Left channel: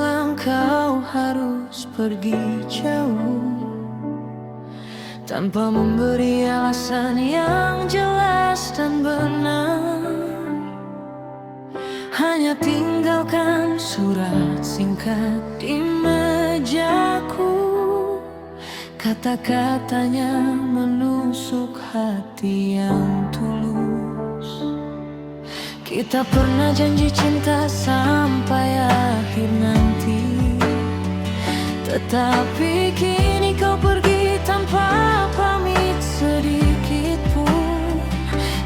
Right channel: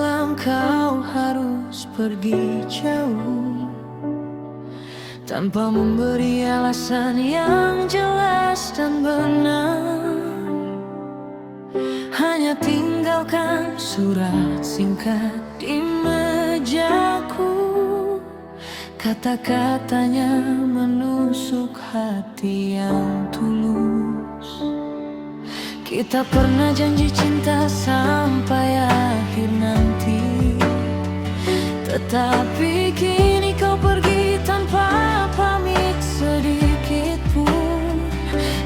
bilang kau harus pergi jauh, tanpa memberi alasan yang jelas dan benar. Hanya tinggalkan surat singkat di mejaku. Kata-katanya menusuk hati yang tulus. Kita pernah janji cinta sampai akhir nanti, tetapi kini kau pergi tanpa pamit sedikit pun.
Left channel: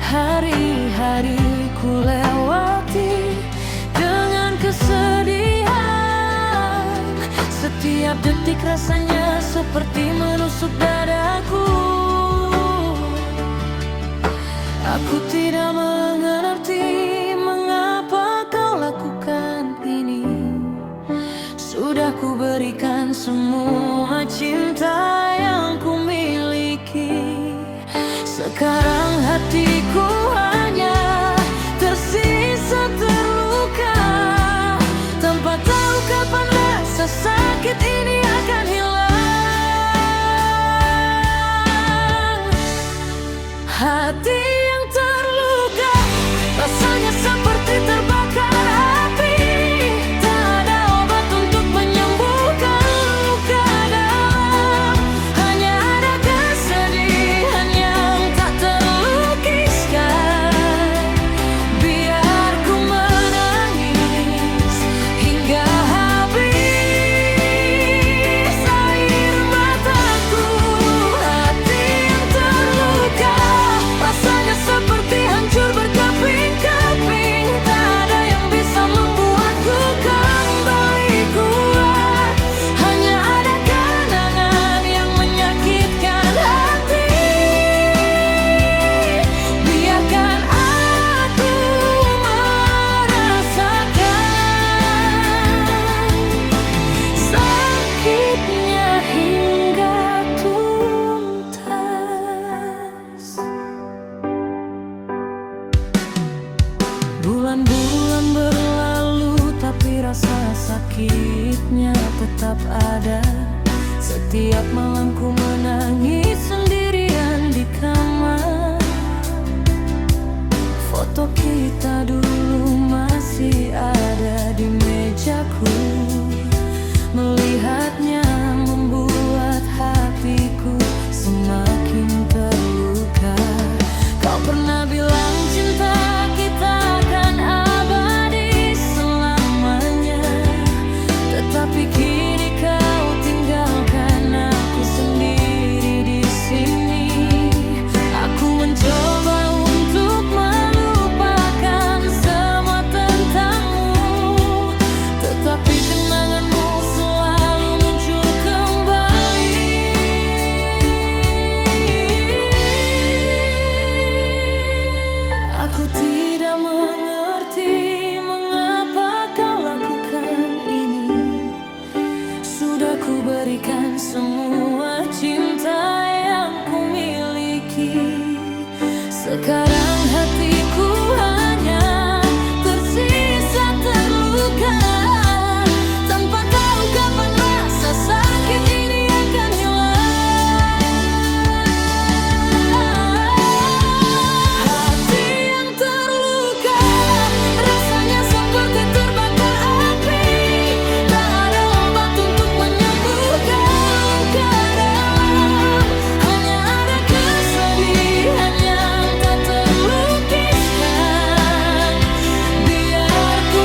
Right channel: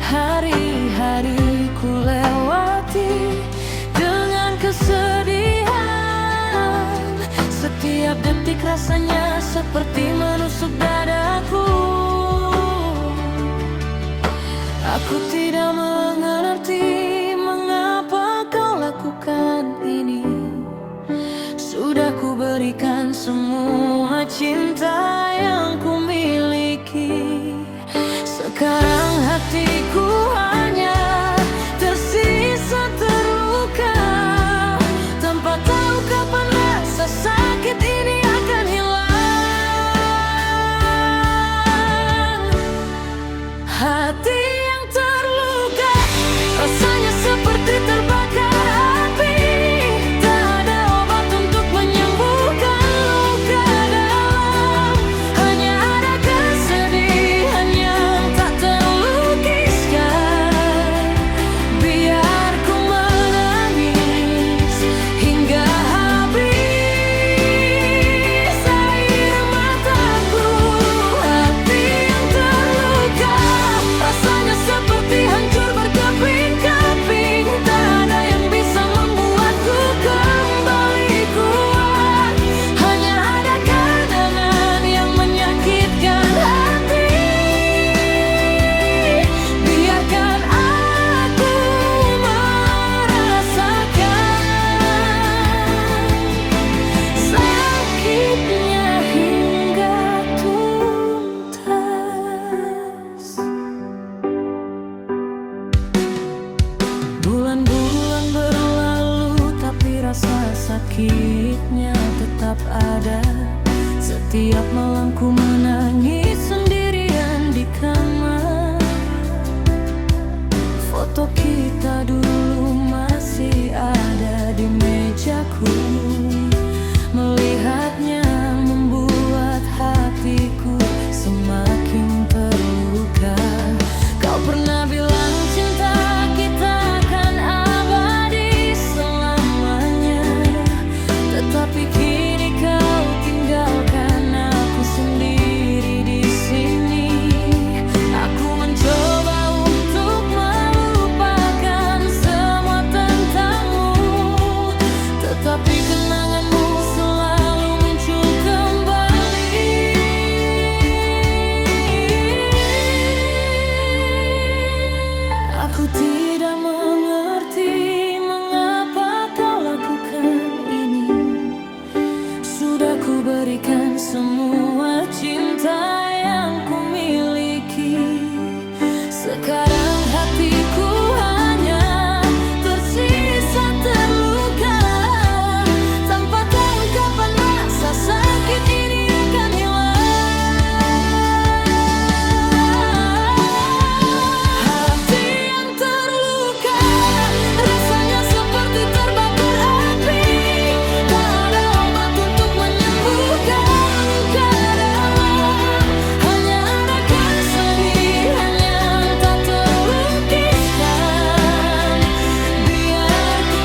Hari-hari ku lewati dengan kesedihan. Setiap detik rasanya seperti menusuk dadaku. Aku tidak mengerti mengapa kau lakukan ini. Sudah ku berikan semua cinta yang ku miliki. Sekarang hatiku hanya tersisa terluka, tanpa tahu kapan rasa sakit ini akan hilang. Hati yang terluka rasanya seperti terbakar api. Tak ada obat untuk menyembuhkan luka dalam. Hanya ada kesedihan yang tak terlukiskan. Biar ku menangis hingga habis air mataku. Hati yang terluka rasanya seperti hancur berkeping-keping. Tak ada yang bisa membuatku kembali kuat. Hanya ada kenangan yang menyakitkan hati. Biarkan aku merasakan sakitnya hingga tuntas. Bulan-bulan berlalu, tapi rasa sakitnya tetap ada. Setiap malam ku menangis sendirian di kamar. Foto kita dulu masih ada di mejaku. Melihatnya membuat hatiku semakin terluka. Kau pernah bilang cinta kita akan abadi selamanya, tetapi kini kau tinggalkan aku sendiri di sini. Aku mencoba untuk melupakan semua tentangmu, tetapi kenanganmu selalu muncul kembali. Aku tidak mengerti mengapa kau lakukan ini. Sudah ku berikan semua cinta yang ku miliki. Sekarang hatiku hanya tersisa terluka, tanpa tahu kapan rasa sakit ini akan hilang. Hati yang terluka rasanya seperti terbakar api. Tak ada obat untuk menyembuhkan luka dalam. Hanya ada kesedihan yang tak terlukiskan. Biar ku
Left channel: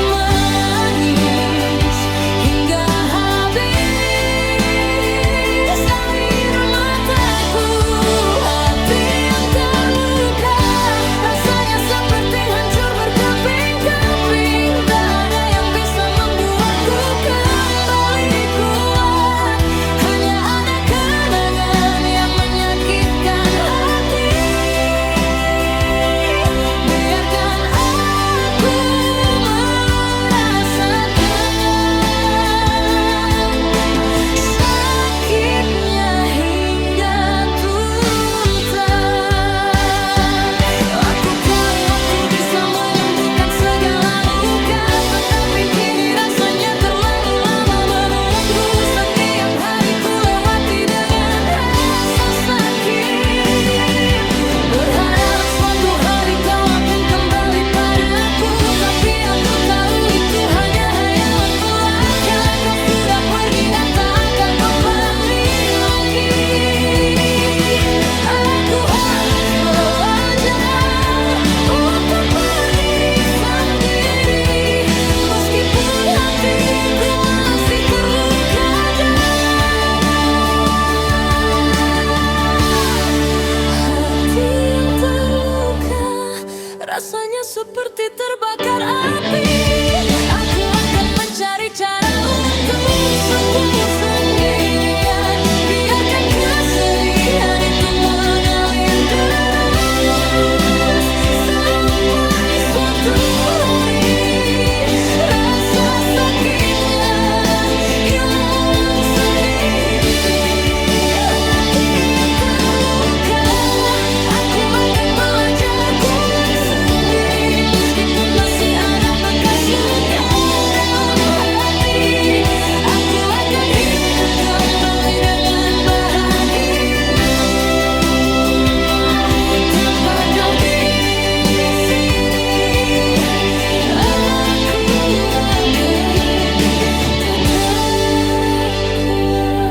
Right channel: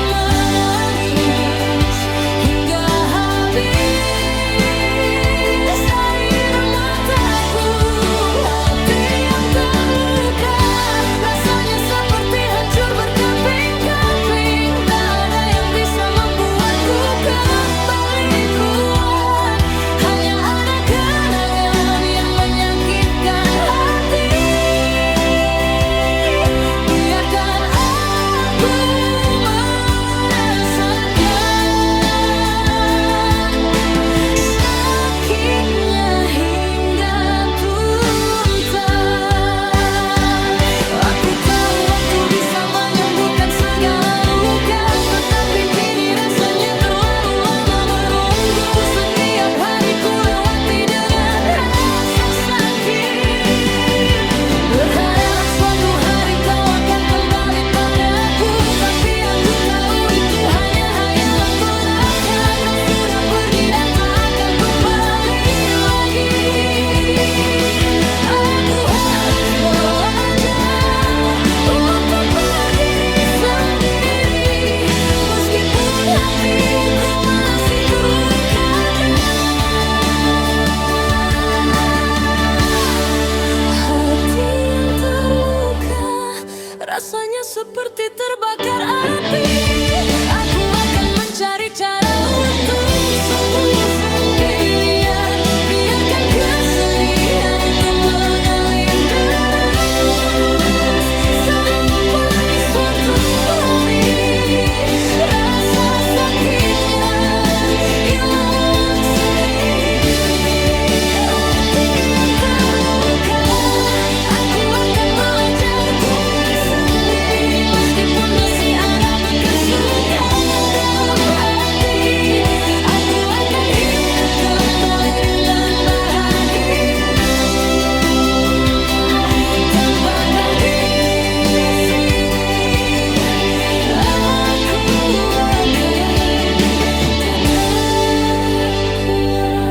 seperti terbakar api. Aku akan mencari cara untuk sembuh sendirian. Biarkan kesedihan itu mengalir deras sampai suatu hari rasa sakitnya hilang sendiri. Hati yang terluka, aku akan belajar kuat sendiri. Meskipun masih ada bekas luka dalam hati, aku akan hidup kembali dengan bahagia. Tanpa kau di sini, aku akan tetap kuat.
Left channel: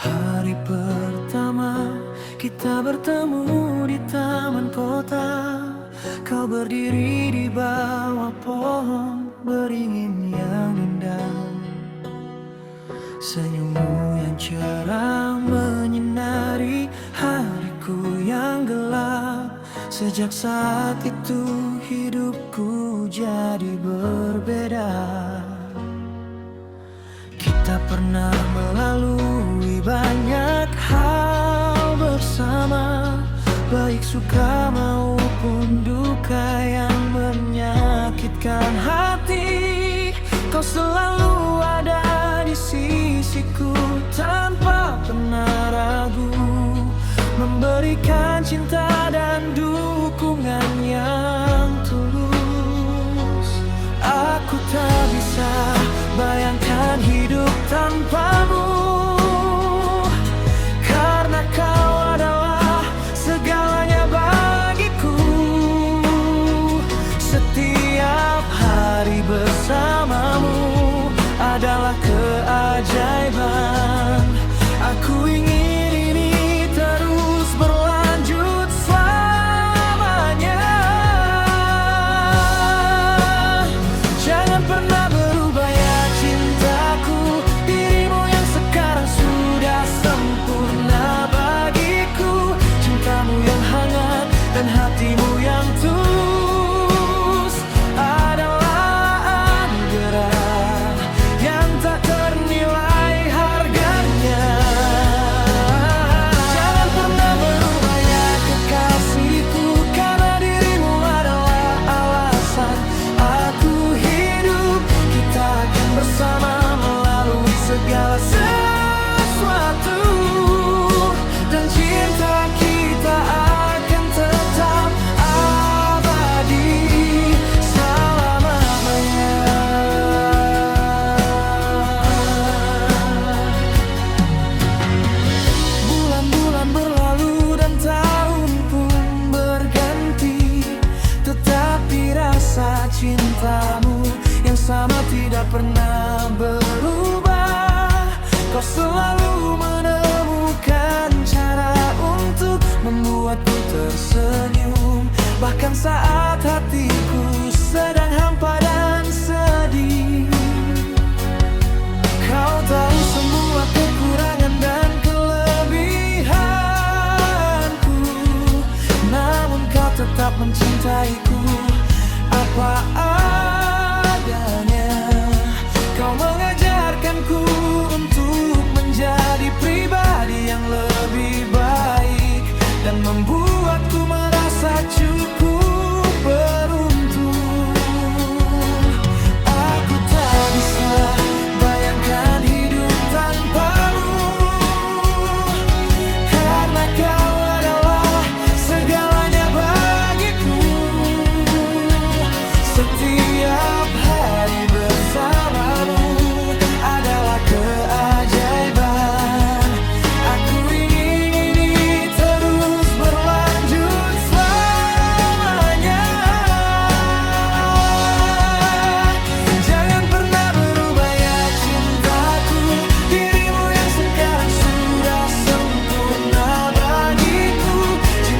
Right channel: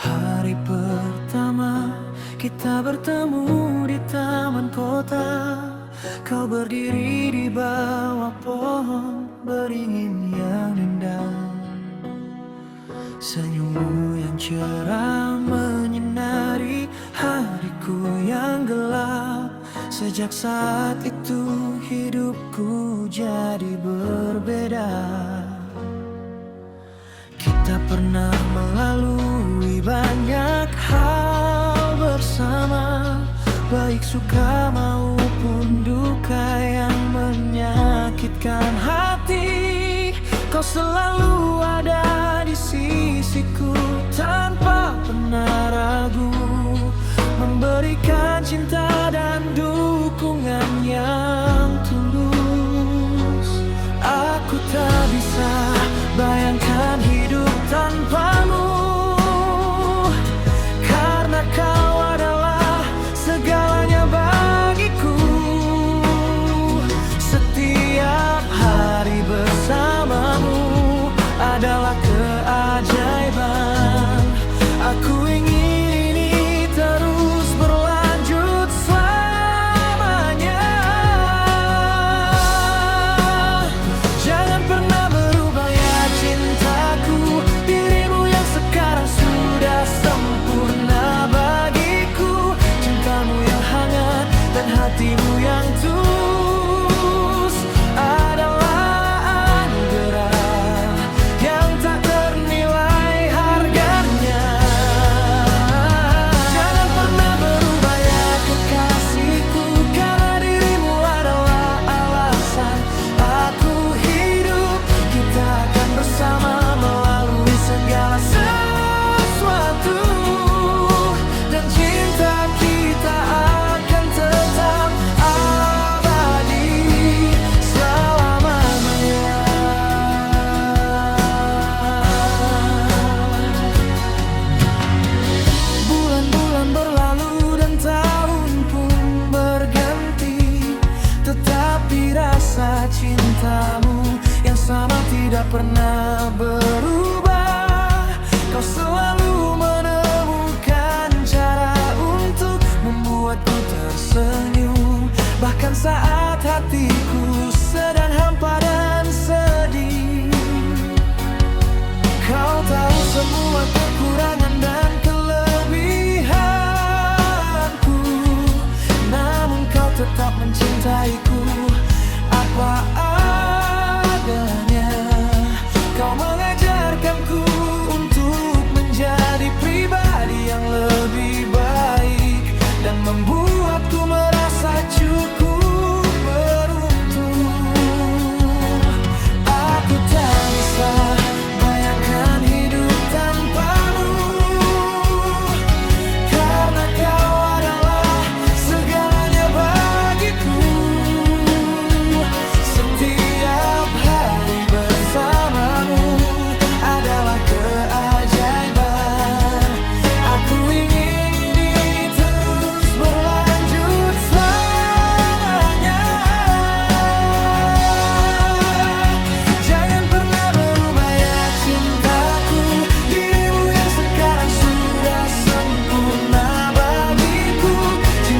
Hari pertama kita bertemu di taman kota. Kau berdiri di bawah pohon beringin yang rindang. Senyummu yang cerah menyinari hariku yang gelap. Sejak saat itu hidupku jadi berbeda. Kita pernah melalui banyak hal bersama, baik suka maupun duka yang menyakitkan hati. Kau selalu ada di sisiku tanpa pernah ragu, memberikan cinta dan dukungan yang tulus. Aku tak bisa bayangkan hidup tanpamu, karena kau adalah segalanya bagiku. Setiap hari bersamamu adalah keajaiban. Aku ingin ini terus berlanjut selamanya. Jangan pernah berubah ya cintaku. Dirimu yang sekarang sudah sempurna bagiku. Cintamu yang hangat dan hatimu yang tulus adalah anugerah yang tak ternilai harganya. Jangan pernah berubah ya kekasihku, karena dirimu adalah alasan aku hidup. Kita akan bersama melalui segala sesuatu, dan cinta kita akan tetap abadi selama-lamanya. Bulan-bulan berlalu dan tahun pun berganti, tetapi rasa cintamu yang sama tidak pernah berubah. Kau selalu menemukan cara untuk membuatku tersenyum, bahkan saat hatiku sedang hampa dan sedih. Kau tahu semua kekurangan dan kelebihanku, namun kau tetap mencintaiku apa adanya. Kau mengajarkanku untuk menjadi pribadi yang lebih baik, dan membuatku merasa cukup beruntung. Aku tak bisa bayangkan hidup tanpamu, karena kau adalah segalanya bagiku. Setiap hari bersamamu adalah keajaiban. Aku ingin ini terus berlanjut selamanya. Jangan pernah berubah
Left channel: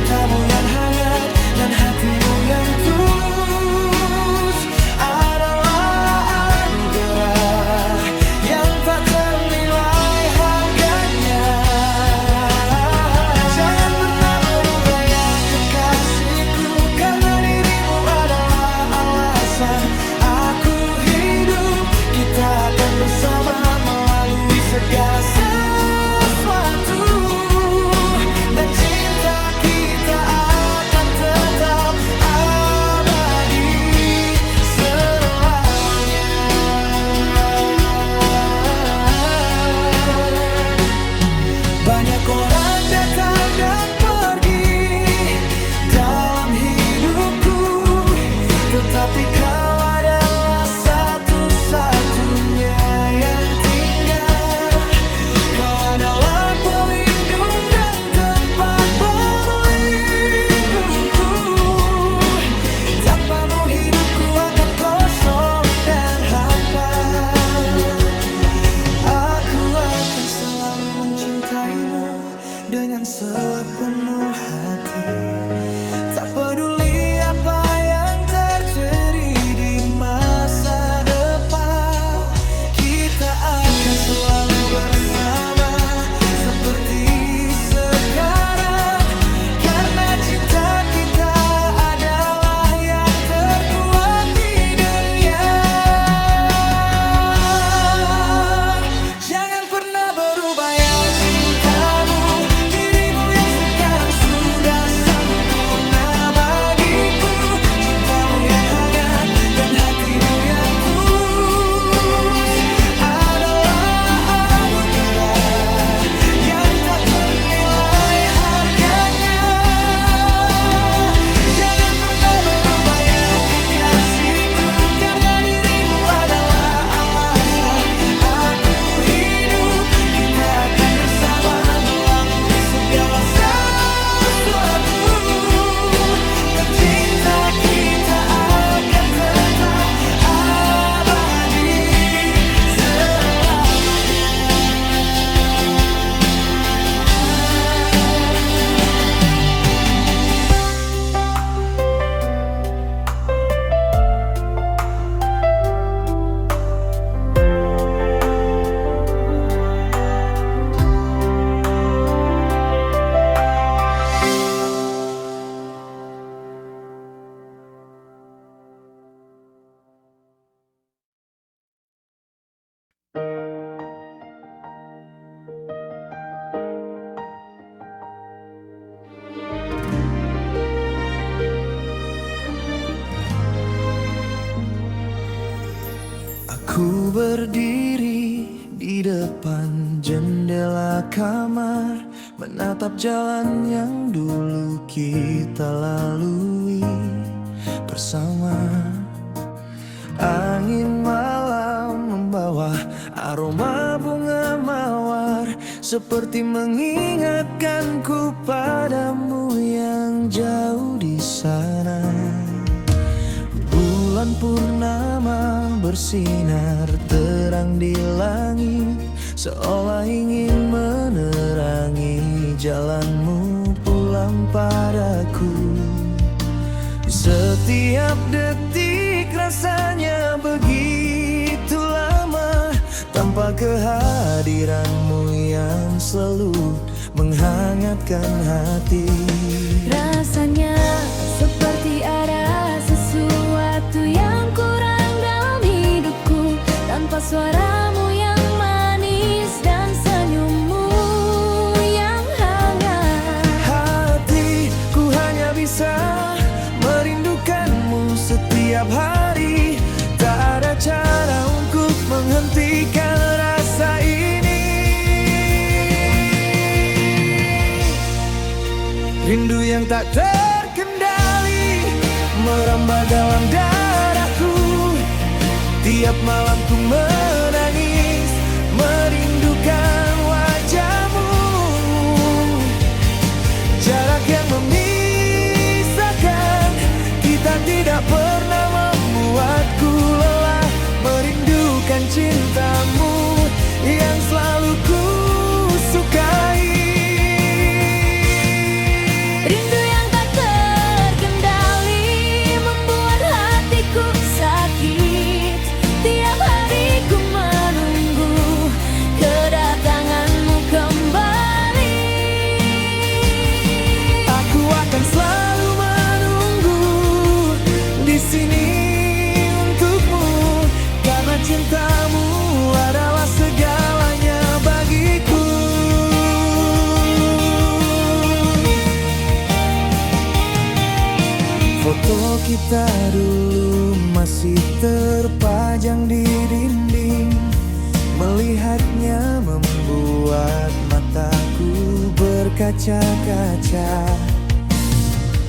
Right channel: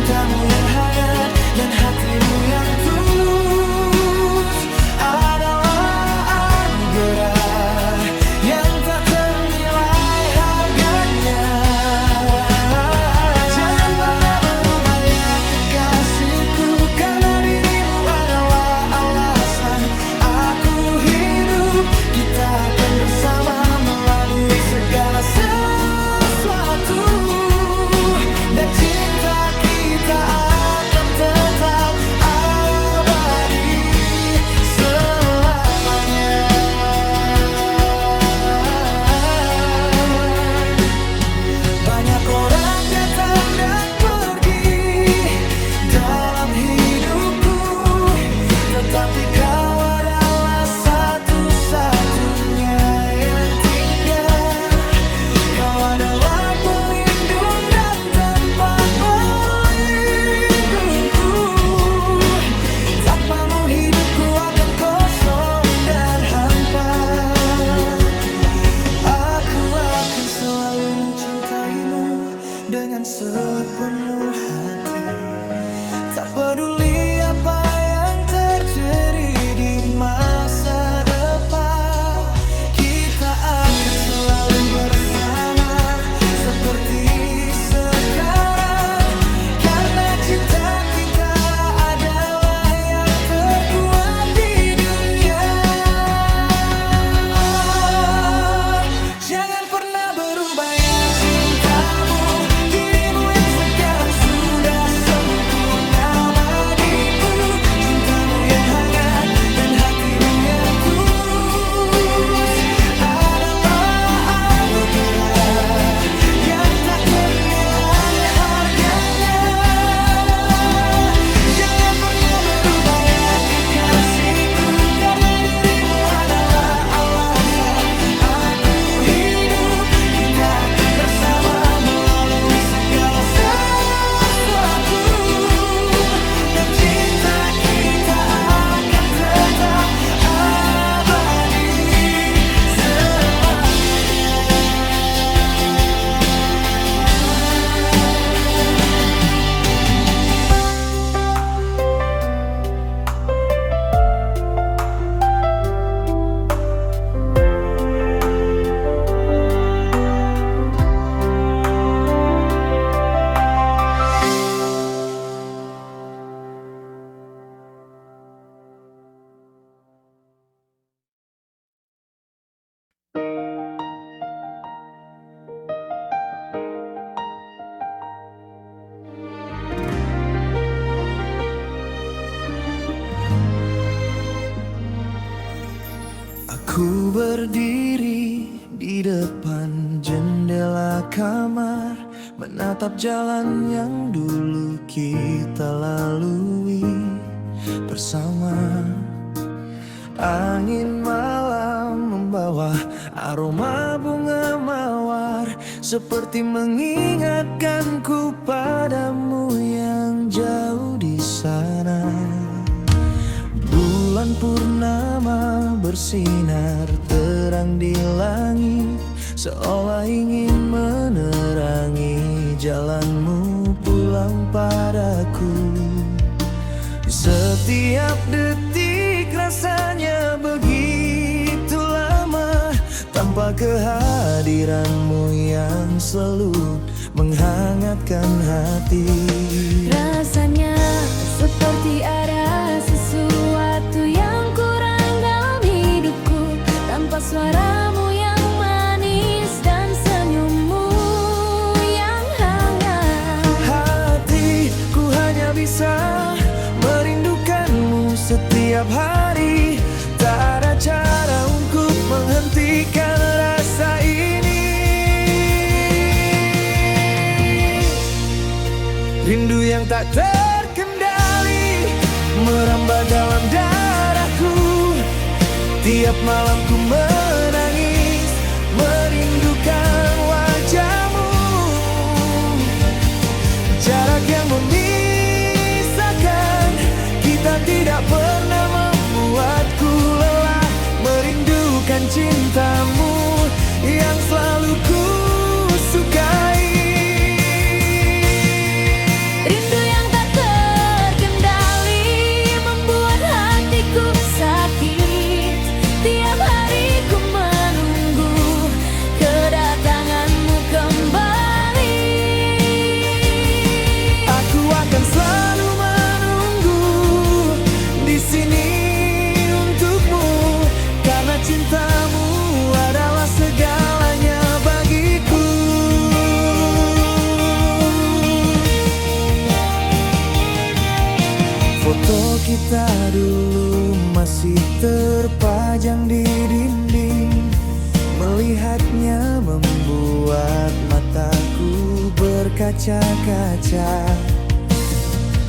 cintamu yang hangat dan hatimu yang tulus adalah anugerah yang tak ternilai harganya. Jangan pernah berubah ya kekasihku, karena dirimu adalah alasan aku hidup. Kita akan bersama melalui segala sesuatu, dan cinta kita akan tetap abadi selamanya. Banyak orang datang dan pergi dalam hidupku, tetapi kau adalah satu-satunya yang tinggal. Kau adalah pelindung dan tempat berlindungku. Tanpamu hidupku akan kosong dan hampa. Aku akan selalu mencintaimu dengan sepenuh hati, tak peduli apa yang terjadi di masa depan. Kita akan selalu bersama seperti sekarang, karena cinta kita adalah yang terkuat di dunia. Jangan pernah berubah ya cintamu, dirimu yang sekarang sudah sempurna bagiku. Cintamu yang hangat dan hatimu yang tulus adalah anugerah yang tak ternilai harganya. Jangan pernah berubah ya kekasihku, karena dirimu adalah alasan aku hidup. Kita akan bersama melalui segala sesuatu, dan cinta kita akan tetap abadi selamanya. Aku berdiri di depan jendela kamar, menatap jalan yang dulu kita lalui bersama. Angin malam membawa aroma bunga mawar, seperti mengingatkanku padamu yang jauh di sana. Bulan purnama bersinar terang di langit, seolah ingin menerangi jalanmu pulang padaku. Setiap detik rasanya begitu lama, tanpa kehadiranmu yang selalu menghangatkan hati. Rasanya seperti ada sesuatu yang kurang dalam hidupku, tanpa suaramu yang manis dan senyummu yang hangat. Hatiku hanya bisa merindukanmu setiap hari, tak ada cara untuk menghentikan rasa ini. Rindu yang tak terkendali merambat dalam darahku. Tiap malam ku menangis merindukan wajahmu. Jarak yang memisahkan kita tidak pernah membuatku lelah merindukan cintamu yang selalu ku sukai. Rindu yang Foto kita dulu masih terpajang di dinding. Melihatnya membuat mataku berkaca-kaca.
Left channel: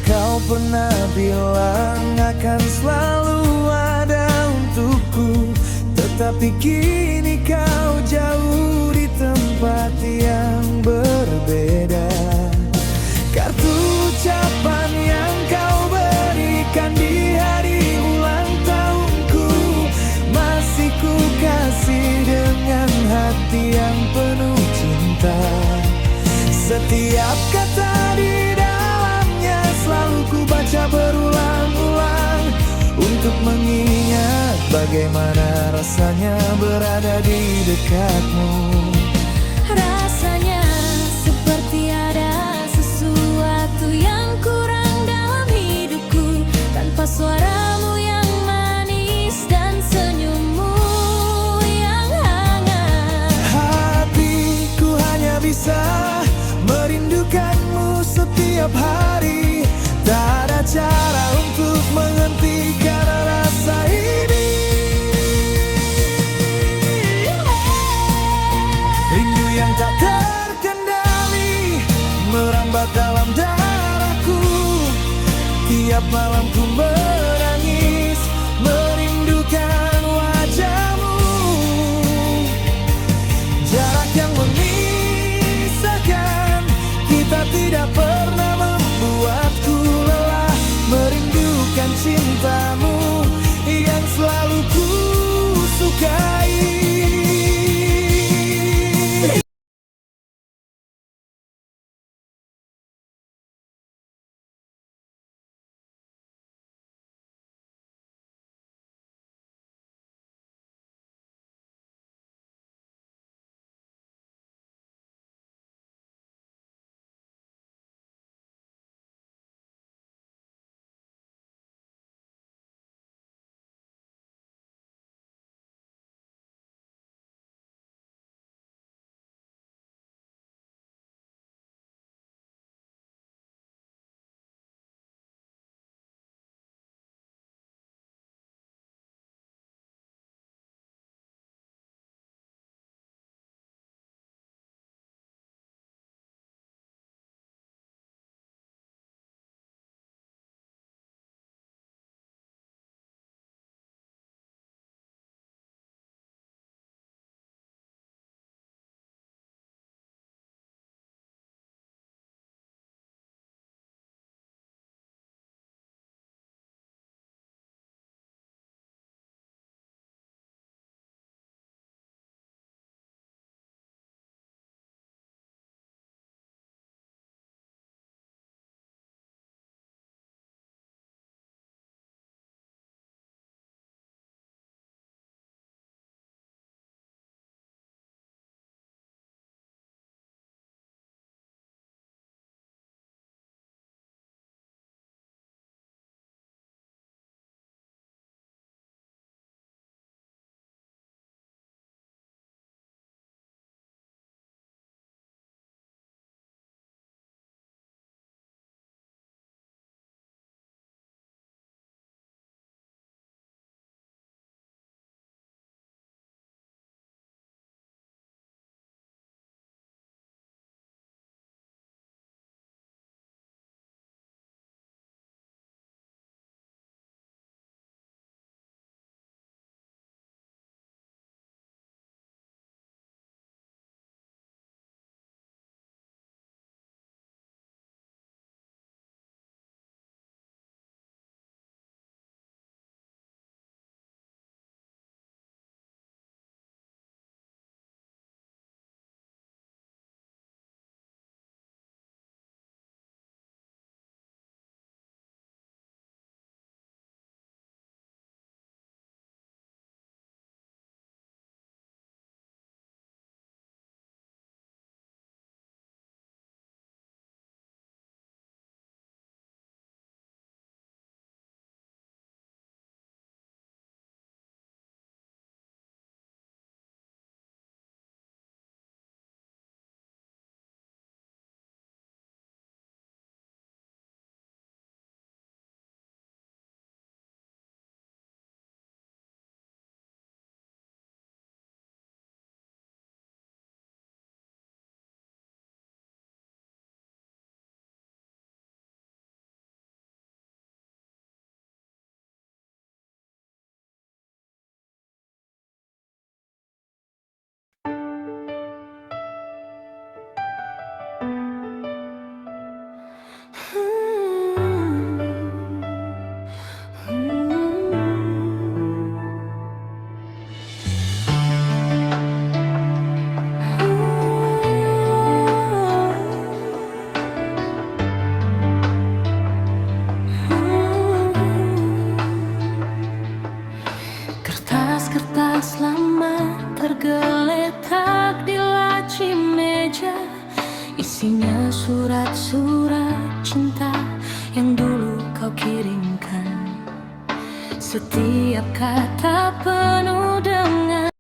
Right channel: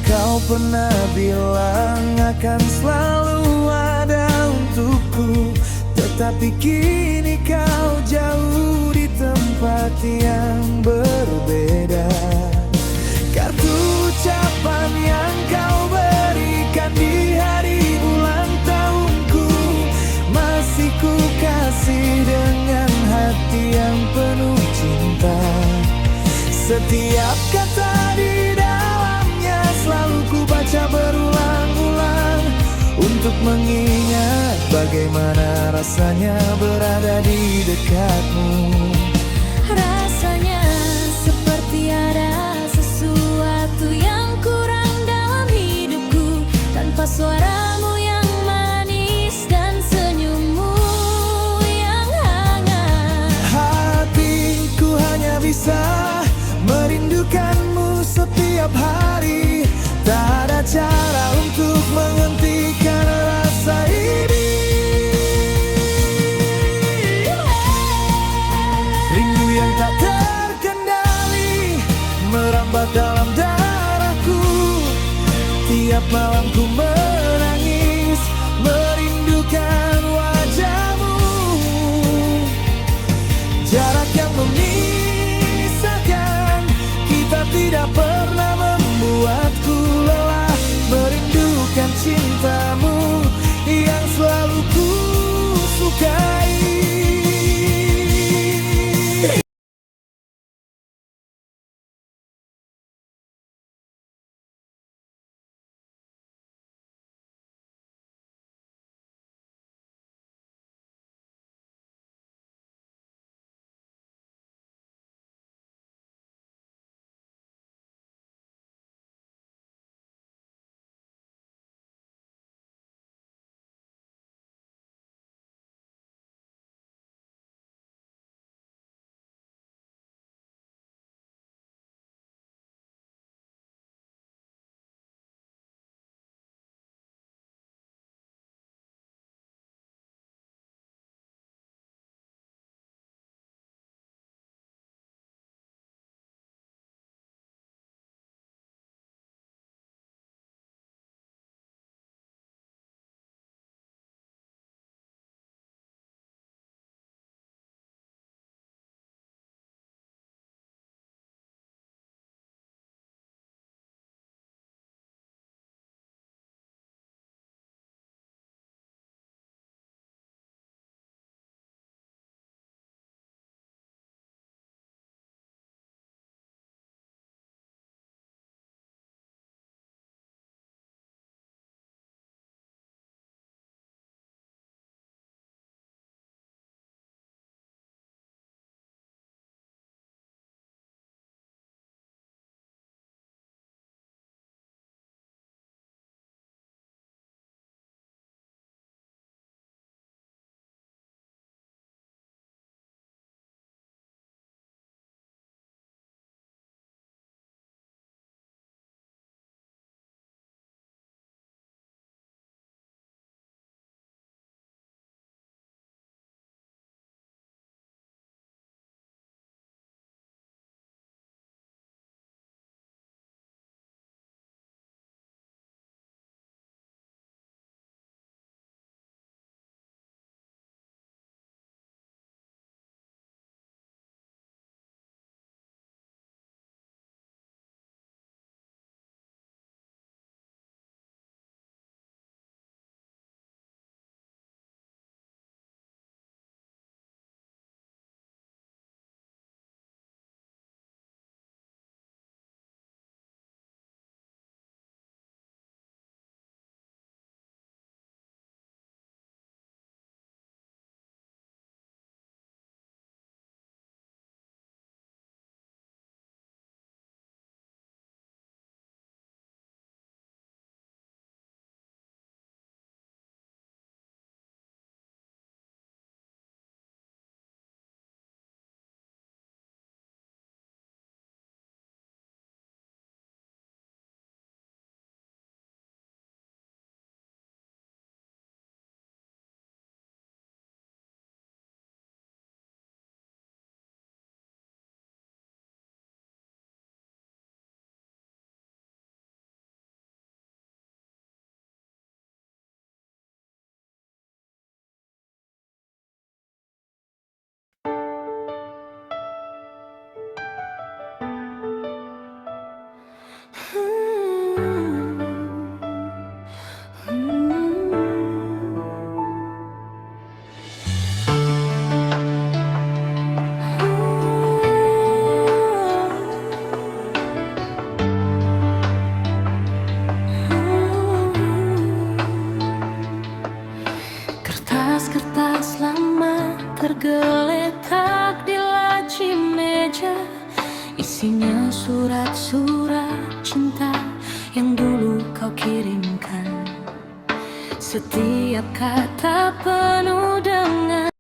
Kau pernah bilang akan selalu ada untukku, tetapi kini kau jauh di tempat yang berbeda. Kartu ucapan yang kau berikan di hari ulang tahunku masih ku kasih dengan hati yang penuh cinta. Setiap kata di dalamnya selalu ku baca berulang-ulang untuk mengingat bagaimana rasanya berada di dekatmu. Rasanya seperti ada sesuatu yang kurang dalam hidupku, tanpa suaramu yang manis dan senyummu yang hangat. Hatiku hanya bisa merindukanmu setiap hari. Tak ada cara untuk menghentikan rasa ini. Rindu yang tak terkendali merambat dalam darahku. Tiap malam ku menangis merindukan wajahmu. Jarak yang memisahkan kita tidak pernah membuatku lelah merindukan cintamu yang selalu ku sukai. Kertas-kertas lama tergeletak di laci meja, isinya surat-surat cinta yang dulu kau kirimkan. Setiap kata penuh dengan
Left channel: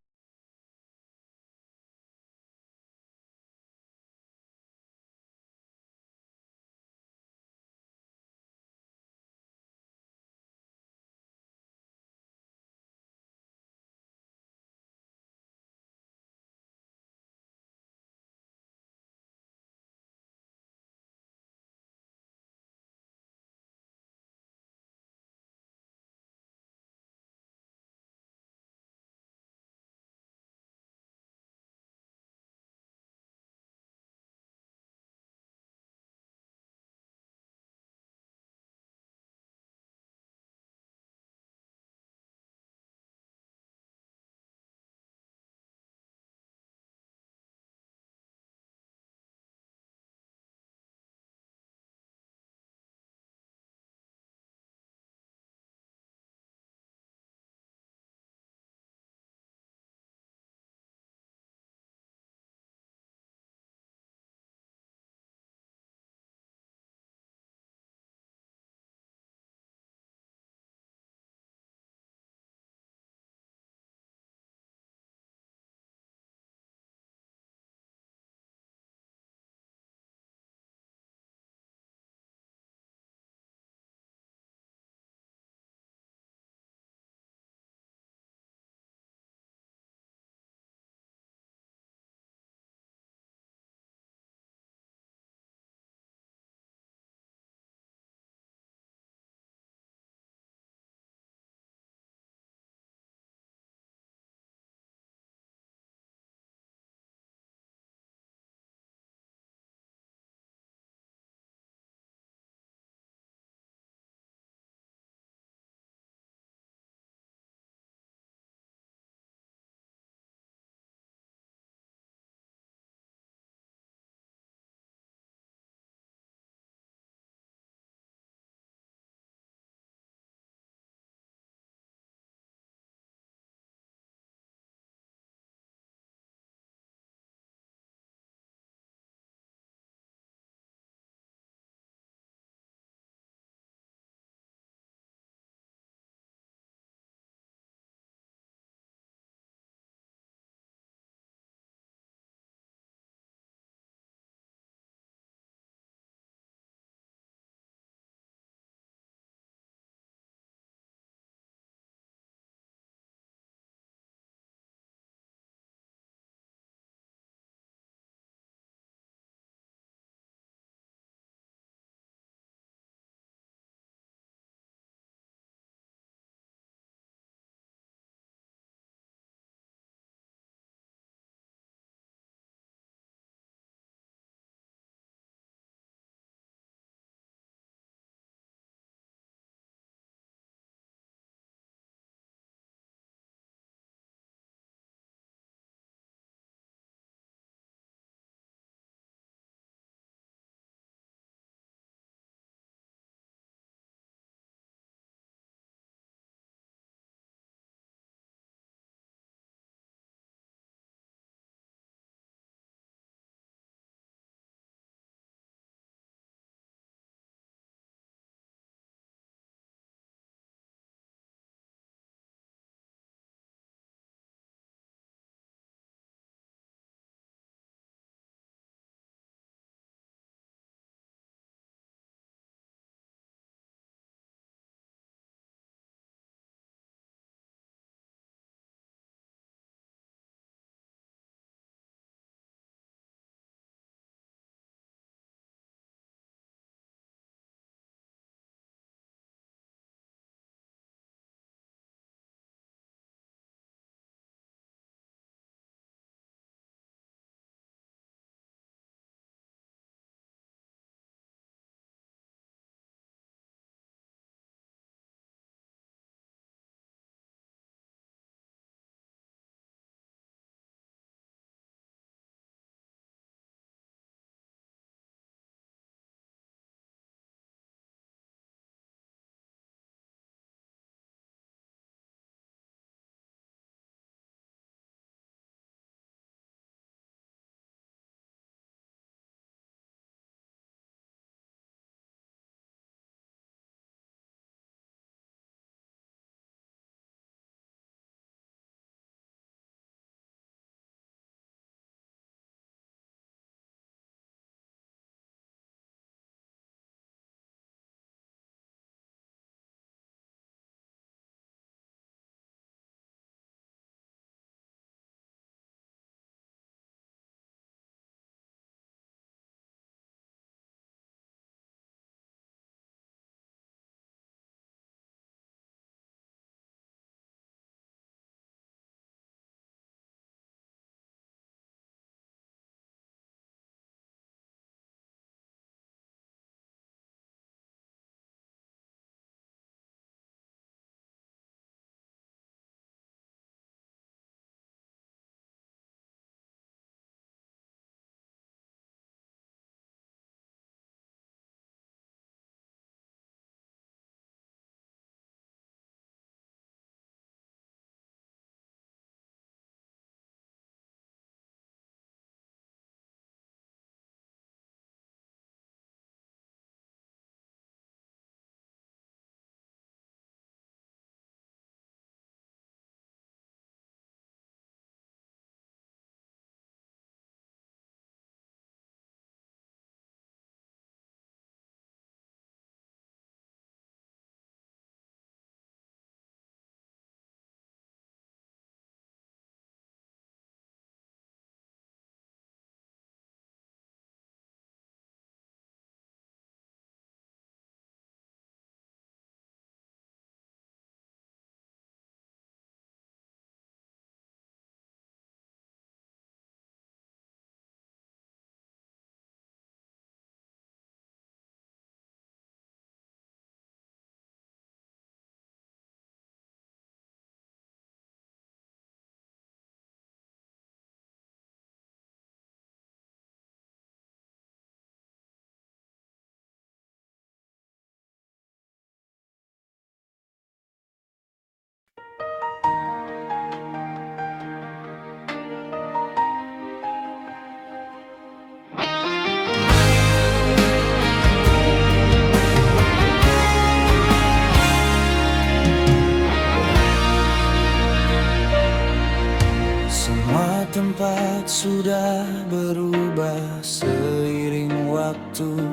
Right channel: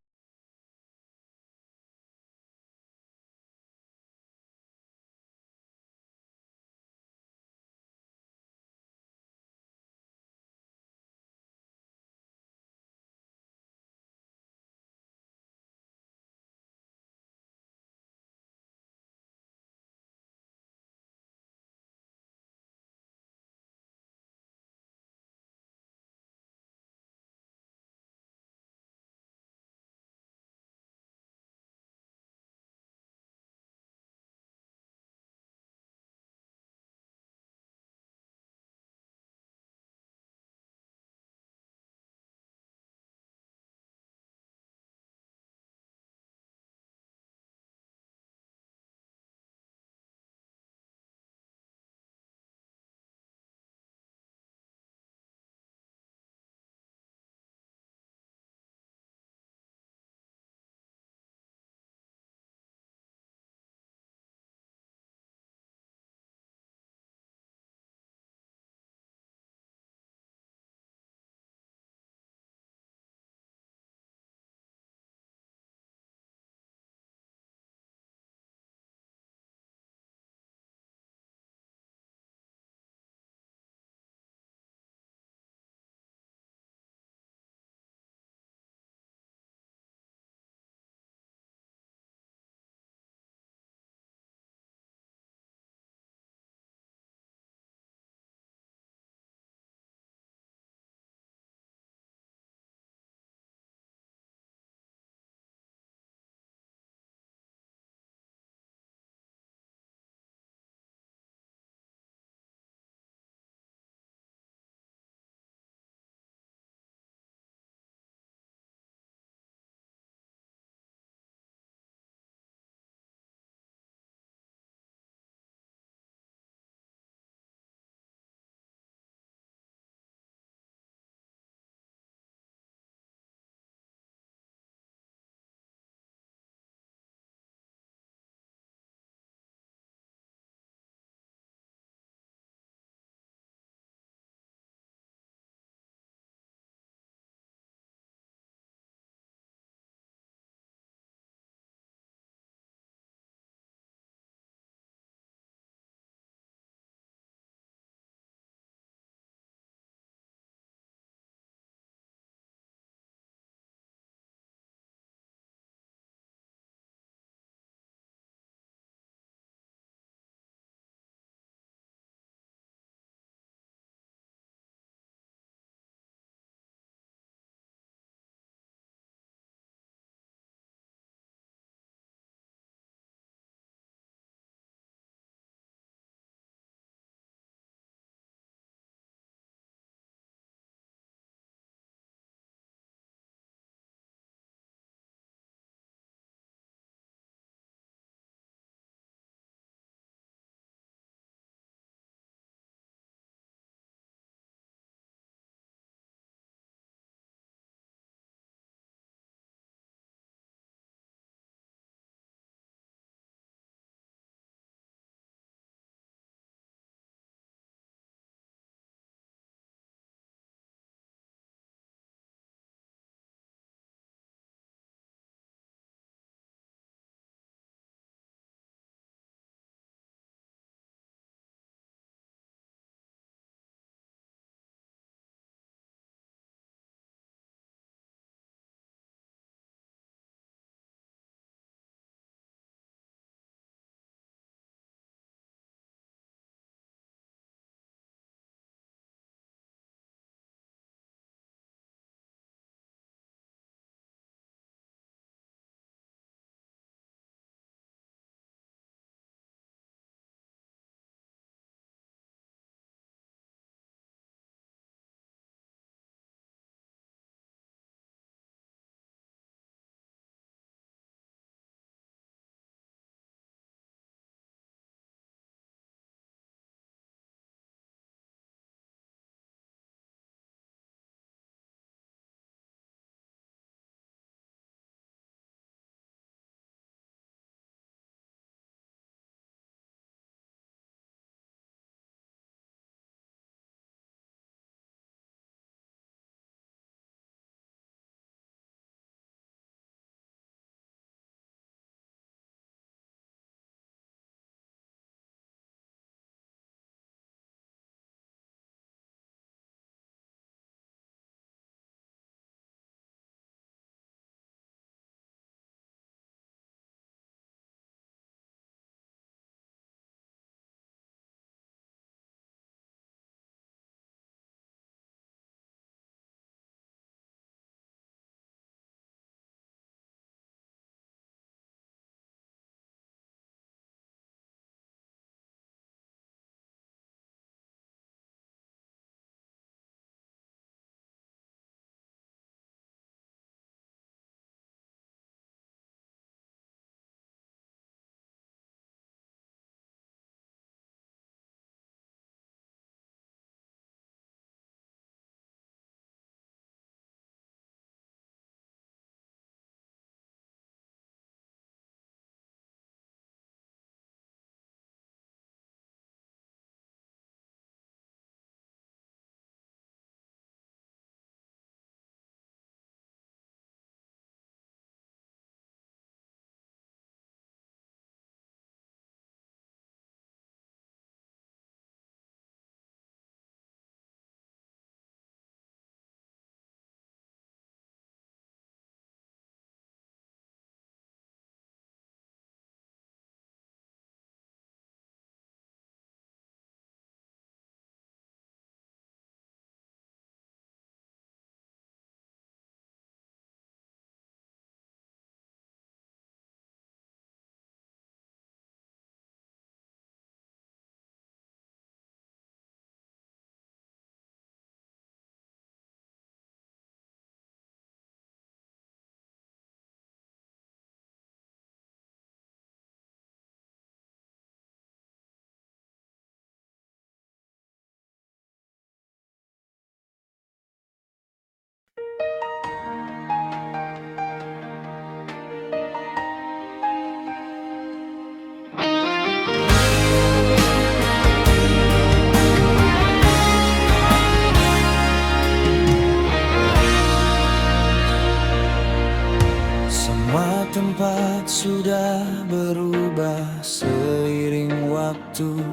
sudah berubah seiring waktu,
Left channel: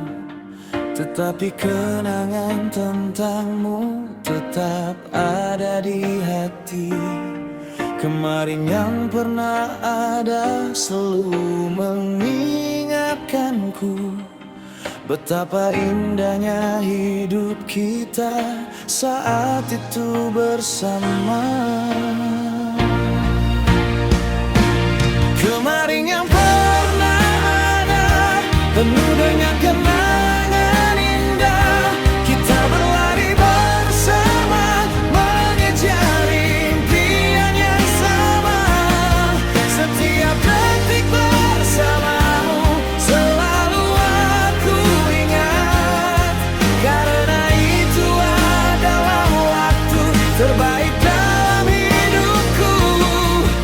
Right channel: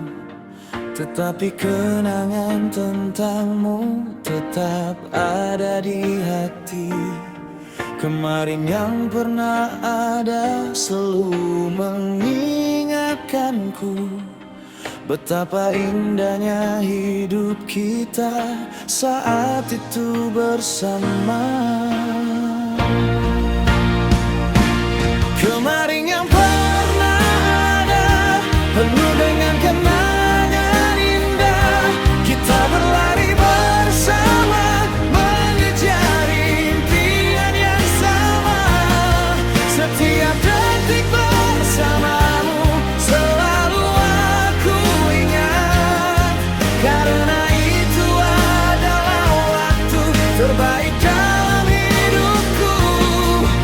tetapi kenangan tentangmu tetap ada di hati. Kemarin yang pernah ada selalu mengingatkanku betapa indahnya hidup kita saat itu bersama. Kemarin yang pernah ada penuh dengan kenangan indah. Kita berlari bersama mengejar impian yang sama. Setiap detik bersamamu selalu aku ingat, karena itu adalah waktu terbaik dalam hidupku.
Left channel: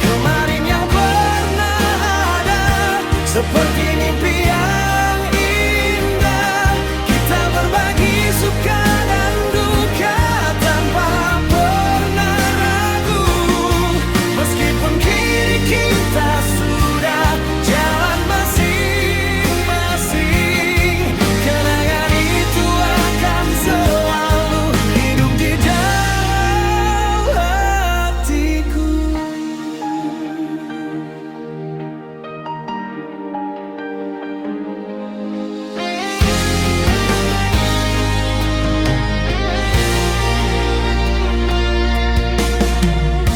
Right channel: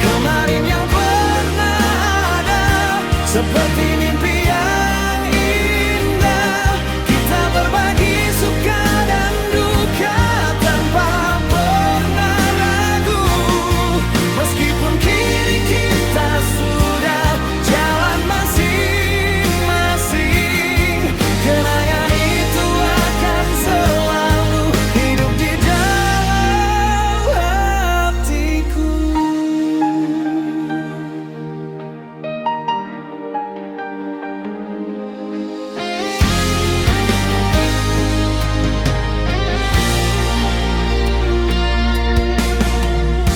Kemarin yang pernah ada seperti mimpi yang indah. Kita berbagi suka dan duka tanpa pernah ragu. Meskipun kini kita sudah jalan masing-masing, kenangan itu akan selalu hidup di dalam hatiku.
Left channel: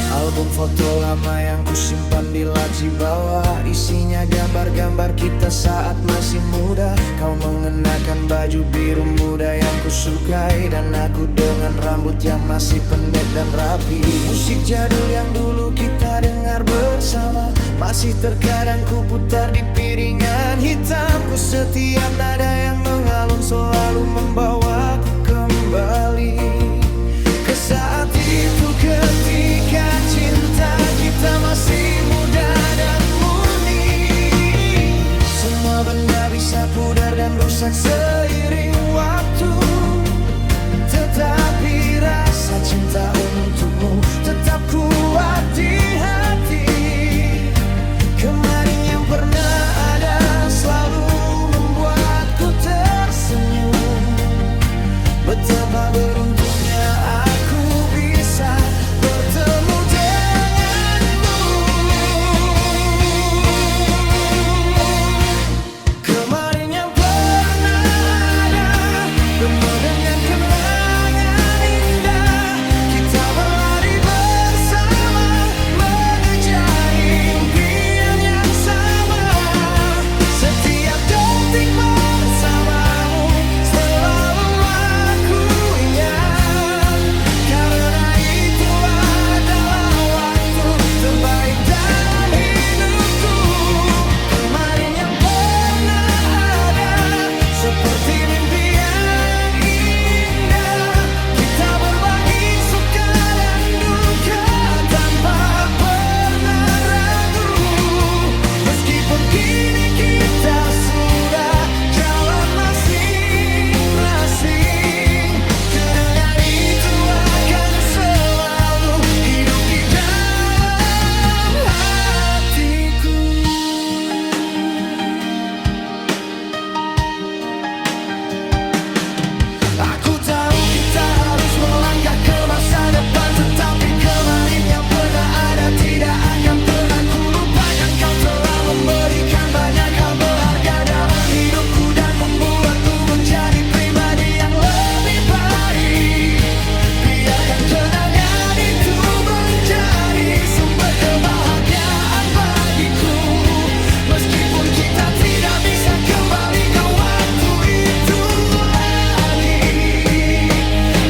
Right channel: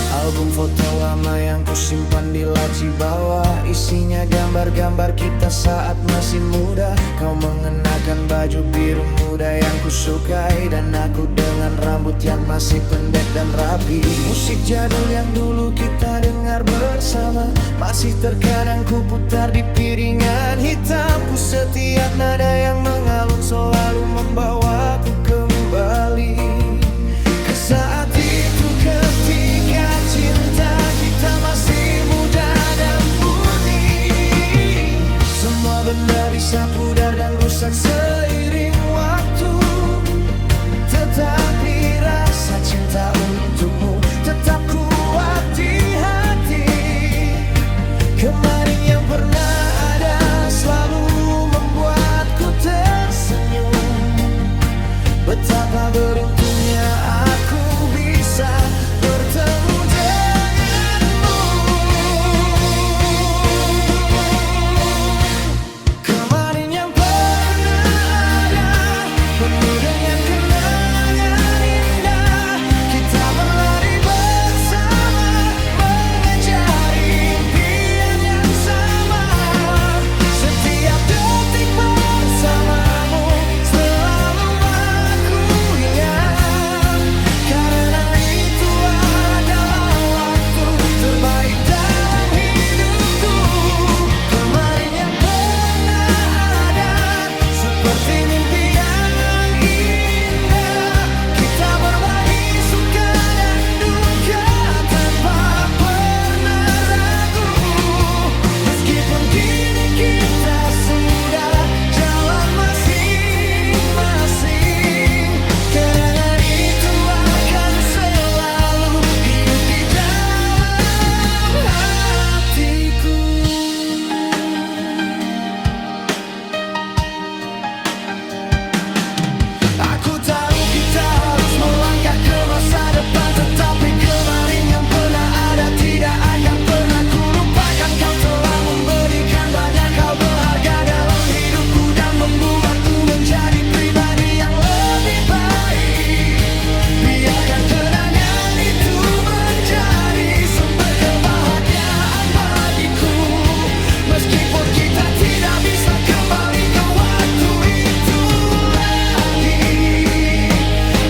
Album foto lama yang kusimpan di laci bawah, isinya gambar-gambar kita saat masih muda. Kau mengenakan baju biru muda yang kusukai, dan aku dengan rambut yang masih pendek dan rapi. Musik jadul yang dulu kita dengar bersama masih terkadang kuputar di piringan hitamku. Setiap nada yang mengalun selalu membawaku kembali ke saat itu, ketika cinta kita masih muda dan murni. Semua benda bisa pudar dan rusak seiring waktu, tetapi rasa cinta untukmu tetap kuat di hati. Kemarin yang pernah ada selalu membuatku tersenyum. Betapa beruntungnya aku bisa bertemu denganmu. Kemarin yang pernah ada penuh dengan kenangan indah. Kita berlari bersama mengejar impian yang sama. Setiap detik bersamamu selalu aku ingat, karena itu adalah waktu terbaik dalam hidupku. Kemarin yang pernah ada seperti mimpi yang indah. Kita berbagi suka dan duka tanpa pernah ragu. Meskipun kini kita sudah jalan masing-masing, kenangan itu akan selalu hidup di dalam hatiku. Aku tahu kita harus melangkah ke masa depan, tetapi kemarin yang pernah ada tidak akan pernah kulupakan. Kau telah memberikan banyak hal berharga dalam hidupku dan membuatku menjadi pribadi yang lebih baik. Biarkan kenangan itu menjadi sumber kebahagiaan bagiku. Meskipun kita tidak bisa kembali ke waktu itu lagi,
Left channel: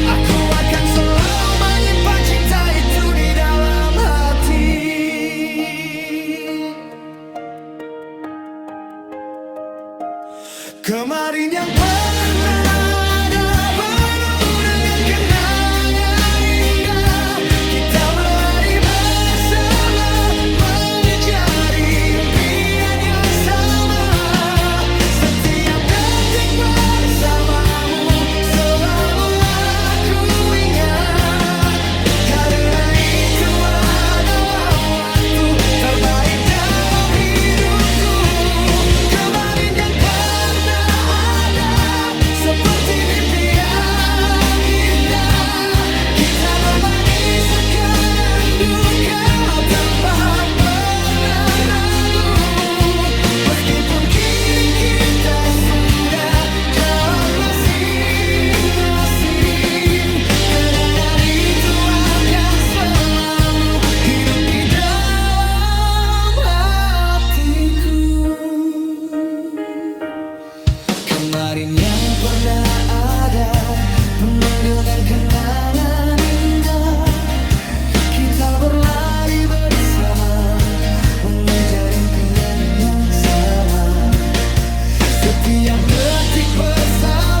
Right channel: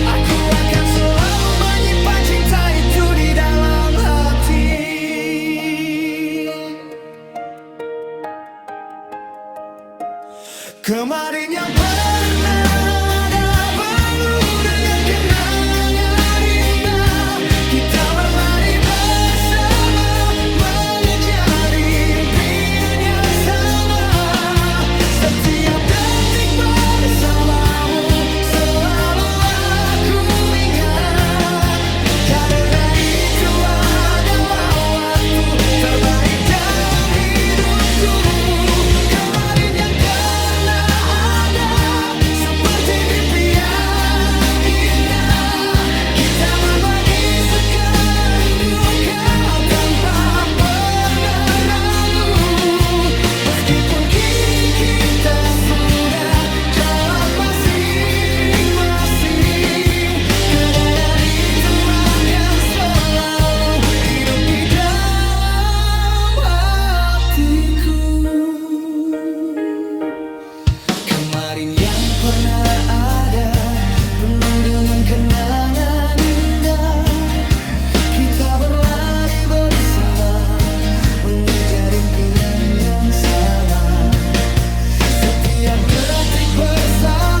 aku akan selalu menyimpan cinta itu di dalam hati. Kemarin yang pernah ada penuh dengan kenangan indah. Kita berlari bersama mengejar impian yang sama. Setiap detik bersamamu selalu aku ingat, karena itu adalah waktu terbaik dalam hidup. pernah ada, penuh dengan kenangan indah. Kita berlari bersama, mengejar impian yang sama. Setiap detik bersama